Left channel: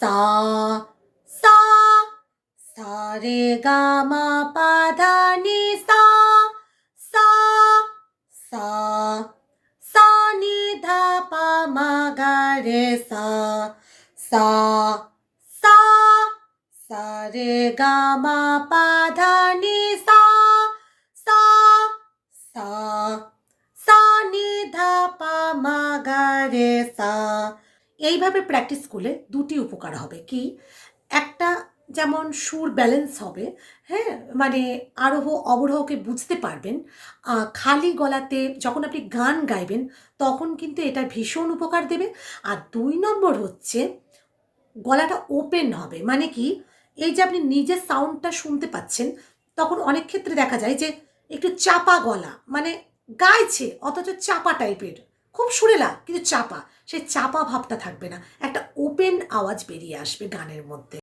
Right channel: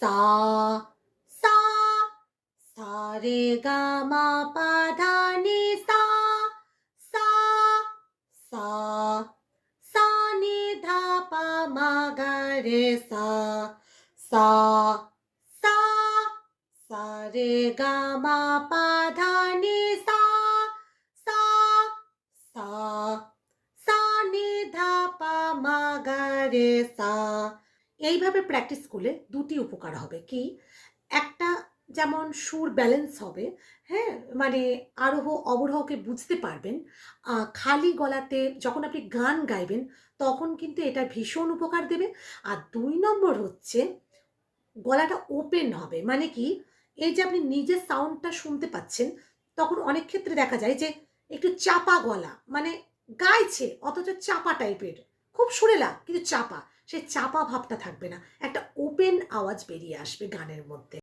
সা সা সা রে গা মা পা ধা নি সা সা সা সা নি ধা পা মা গা রে সা সা সা সা রে গা মা পা ধা নি সা সা সা সা নি ধা পা মা গা রে সা। এইভাবে প্র্যাকটিস করলে দুটি উপকার হবে কি, একটা যেমন সুর ব্যালেন্স হবে, হ্যাঁ, মানে আরোহ অবরোহকে বুঝতে পারবেন। খালি গলাতে যখন আপনি গান গাইবেন তখন কিন্তু এটা ভীষণ উপকার দেবে। আর ২ নম্বর হচ্ছে গলাটা ওপেন হবে, মানে কি এই যে আপনি নিজের সাউন্ডটা শুনতে পাচ্ছেন, তখন অনেক ক্ষেত্রে দেখা যায় যে একটু চাপা গলা, মানে গাইছে অথচ চাপা টাইপের, খুব সুরেলা কিন্তু চাপা, সেই চাপা ভাবটা থাকবে না, একটা ওপেন আওয়াজ বেরিয়ে আসবে গানের মধ্যে।